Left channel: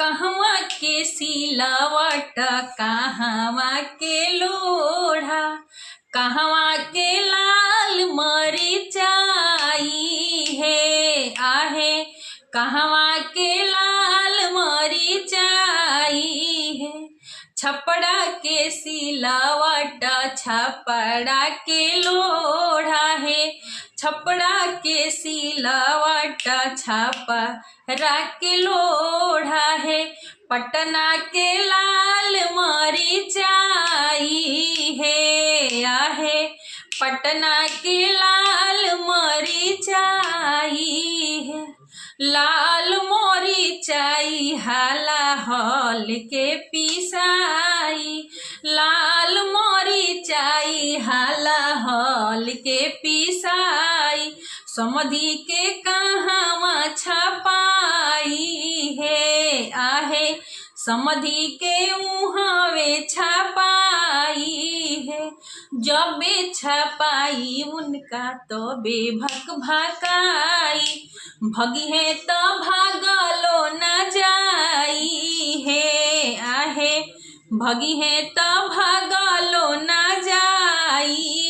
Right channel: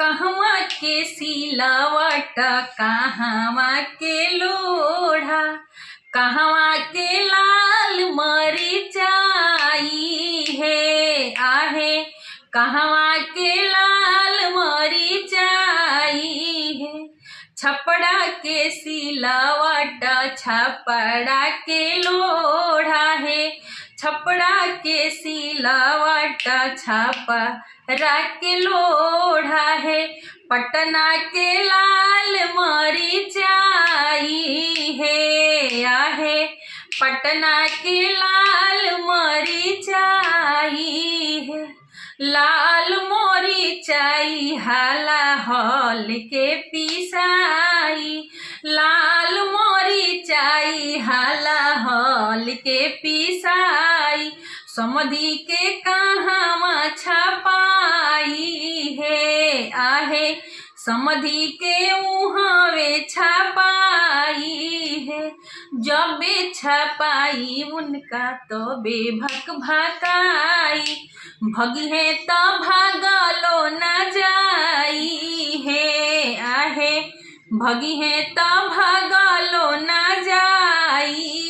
कहवा के सिलावट कहवा के लोढ़ा, कहवा के लाल मरिचाई है आहे, कहवा के लाल मरिचाई है। छपड़ा के सिलावट छपड़ा के लोढ़ा है, छपड़ा के सिलावट छपड़ा के लोढ़ा है। पटना के लाल मरिचाई है आहे, पटना के लाल मरिचाई है। लाल मरिचाई हाला हल के पिसाई, लाल मरिचाई हाला हल के पिसाई। समधी के कहवा छपाई है आहे, समधी के उहावे छपाई है। जबे छपाई उनका तो बेभक भकाई, भगी है तो भागलो न जाई है आहे, भगी है तो भागलो न जाई